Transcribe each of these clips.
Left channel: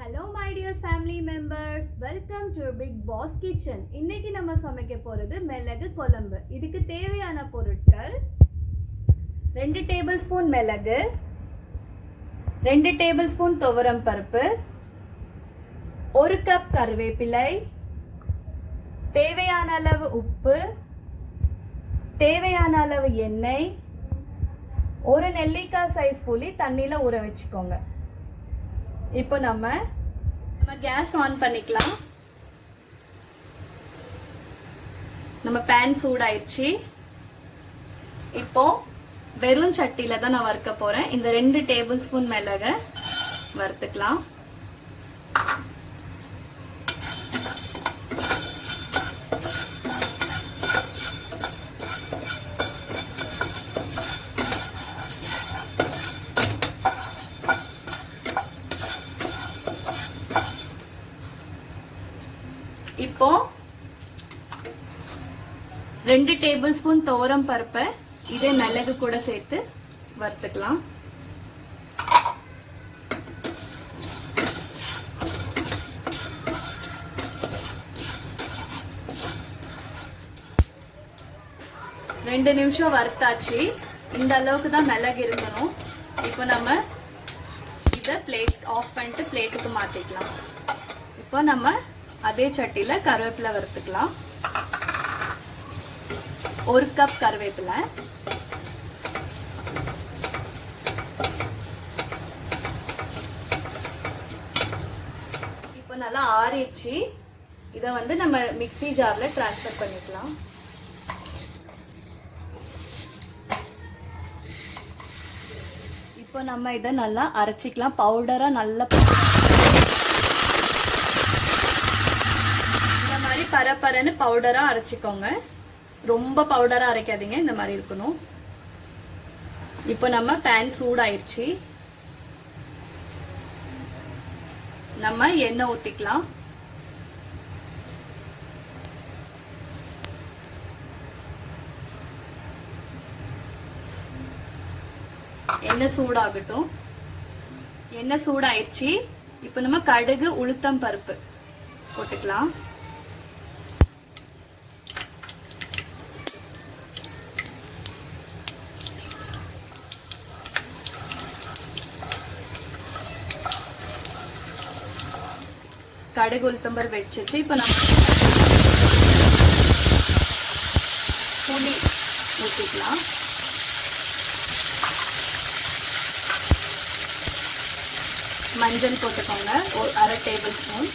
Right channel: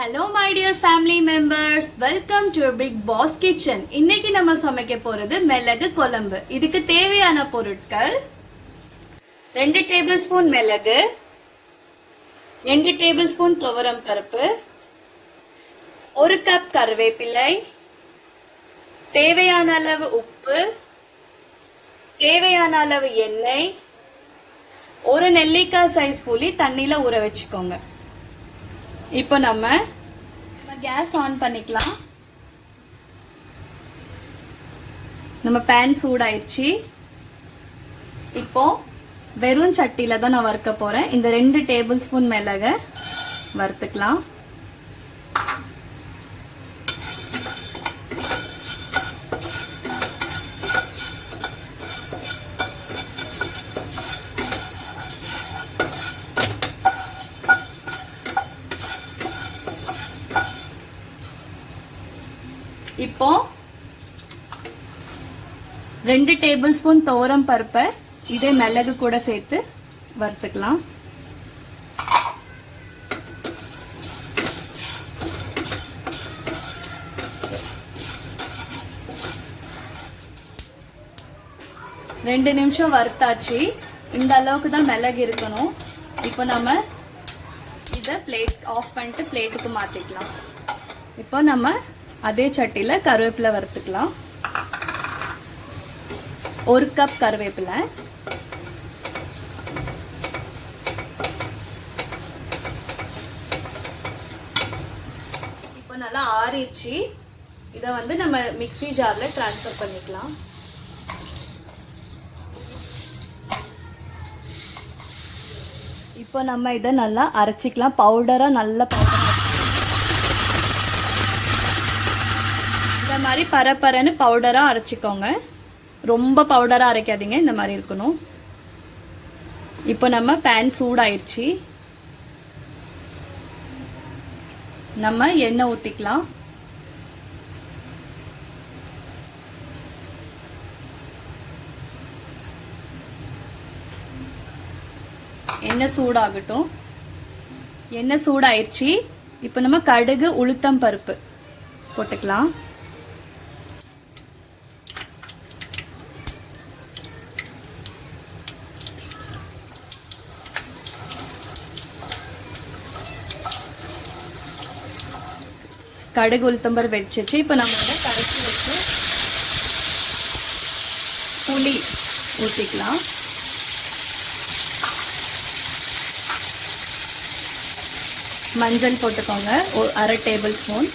Hello my dear family members, welcome to your big boss kitchen. இன்னைக்கு நம்ம சமைக்க போறது மிளகு குழம்பு. இதுக்கு தேவையான பொருட்கள் 2 டேபிள்ஸ்பூன் மிளகு, 2 டேபிள்ஸ்பூன் துவரம் பருப்பு, 1 கப் கறிவேப்பிலை, தேவையான அளவு உப்பு, தேவையான அளவு எண்ணெய், ஒரு நெல்லிக்காய் சைஸ் புளி தண்ணியில ஊற வச்சுக்கோங்க. இப்போ நம்ம கேஸ் ஆன் பண்ணிக்கலாம். நம்ம பேன் சூடாயிடுச்சு. இப்போ வெறும் சட்டியில தான் நான் வறுக்க போறேன். இந்த 2 டேபிள் ஸ்பூன் மிளகு வறுத்துக்கலாம். இப்போ 2 டேபிள் ஸ்பூன் துவரம் பருப்பை இதே மிளகு கூட சேர்த்து வறுத்துக்கலாம். ரெண்டு நிமிஷம் வறுத்தாச்சு. இந்த அளவுக்கு தான் மிளகு இருக்கணும். இப்போ நம்ம இதை பிளேட் ஆஃப் பண்ணிட்டு பிளேட்டுக்கு மாத்திக்கலாம். இப்போ நம்ம அதே சட்டியில கருவேப்பிலை வறுத்துக்கலாம். 1 கப் கருவேப்பிலை, இப்போ நல்லா ஆறிடுச்சு. இதை வந்து நம்ம மிக்ஸி ஜார்ல டிரான்ஸ்ஃபர் பண்ணிக்கலாம். இப்போ நம்ம இதை நல்லா அரைச்சிக்கலாம். பவுடரா நல்லா மாதிரி பரப்பரன்னு பவுடரா அரைச்சிக்கோங்க. ரொம்ப பவுடரா அரைக்காதீங்க, இந்த மாதிரி இருக்கணும். இப்போ நம்ம பேன் சூடாயிருச்சு. நம்ம எண்ணெய் ஊத்திக்கலாம். எண்ணெய் சூடாகட்டும். எண்ணெய் சூடாயிருச்சு. இப்போ நம்ம கடுகு உளுத்தம் பருப்பு போட்டுக்கலாம். கடுகு உளுத்தம்பருப்பு வெடிச்சிச்சு. இப்போ நம்ம புளி ஊற்றிக்கலாம். மஞ்சள் போட்டுக்கோங்க, ஒரு 1/2 டேபிள் ஸ்பூன்.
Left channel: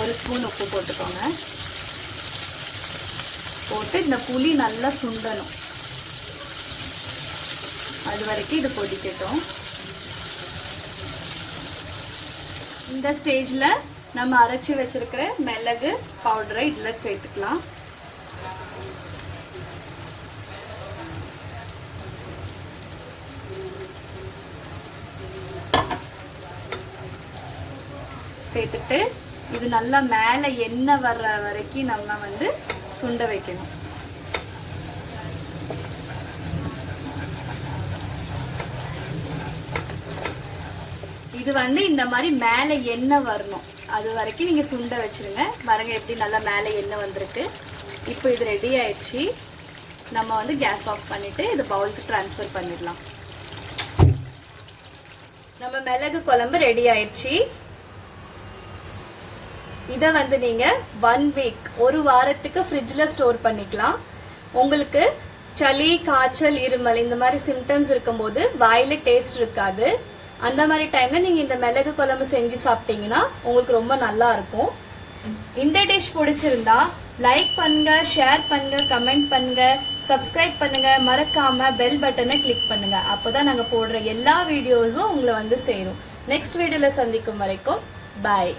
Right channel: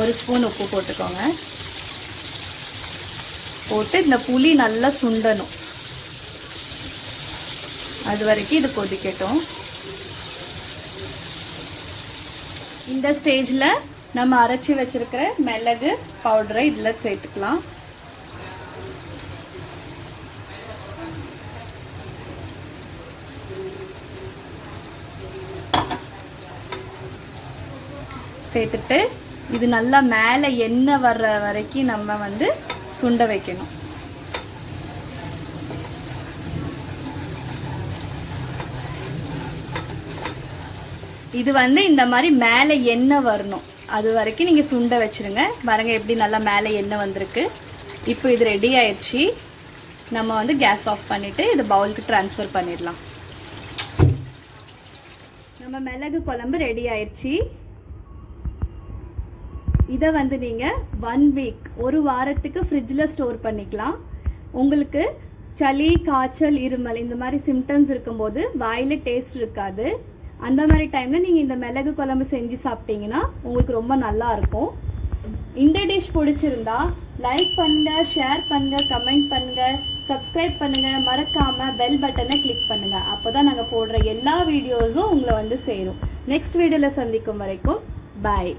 ஒரு ஸ்பூன் உப்பு போட்டுக்கோங்க. போட்டு இந்த புளி நல்லா சுண்டணும். அது வரைக்கும் இது கொதிக்கட்டும். இந்த ஸ்டேஜ்ல நம்ம அரைச்சி வச்சிருக்கிற மிளகு பவுடரை இதுல சேர்த்துக்கலாம். சேர்த்துட்டு இது நல்லா மேல எண்ணெய் வர்ற வரைக்கும் நம்ம வந்து சுண்ட வைக்கணும். இது வந்து இந்த மாதிரி மேலே எண்ணெய் வரணும். அது வரைக்கும் நீங்கள் சுண்ட வச்சிருங்க. பாருங்க எப்படி நல்லா மேலே எண்ணெய் வந்திருக்கு. இப்போ இது ரெடி ஆயிடுச்சு. நம்ம வந்து கேஸ் ஆஃப் பண்ணிட்டு இது பவுலுக்கு ட்ரான்ஸ்ஃபர் பண்ணிடலாம். நம்ம மிளகு குழம்பு ரெடி ஆயிடுச்சு. இதை வந்து நீங்கள் 1 வீக், ஒரு வாரத்துக்கு ஃப்ரிட்ஜில் ஸ்டோர் பண்ணிக்கலாம். உங்களுக்கு சளி, காய்ச்சல், இருமல் இந்த மாதிரி சிம்டம்ஸ் இருக்கும்போது வாயில் டேஸ்ட் இருக்காது. அந்த மாதிரி டைம்ல நீங்க இந்த மிளகு குழம்பு செஞ்சு சாப்பிட்டீங்கன்னா உங்களுக்கு ரொம்ப நல்லா இருக்கும். இந்த டிஷ் பிடிச்சிருந்தா லைக் பண்ணுங்க, ஷேர் பண்ணுங்க, கமெண்ட் பண்ணுங்க, சப்ஸ்கிரைப் பண்ணுங்க, மறக்காம பெல் பட்டனை கிளிக் பண்ணுங்க. அப்போதான் நாங்க போடுற எல்லா வீடியோஸும் உங்களை வந்து சேரும். நெக்ஸ்ட் வீடியோல சந்திக்கும் வரைக்கும் பாய்.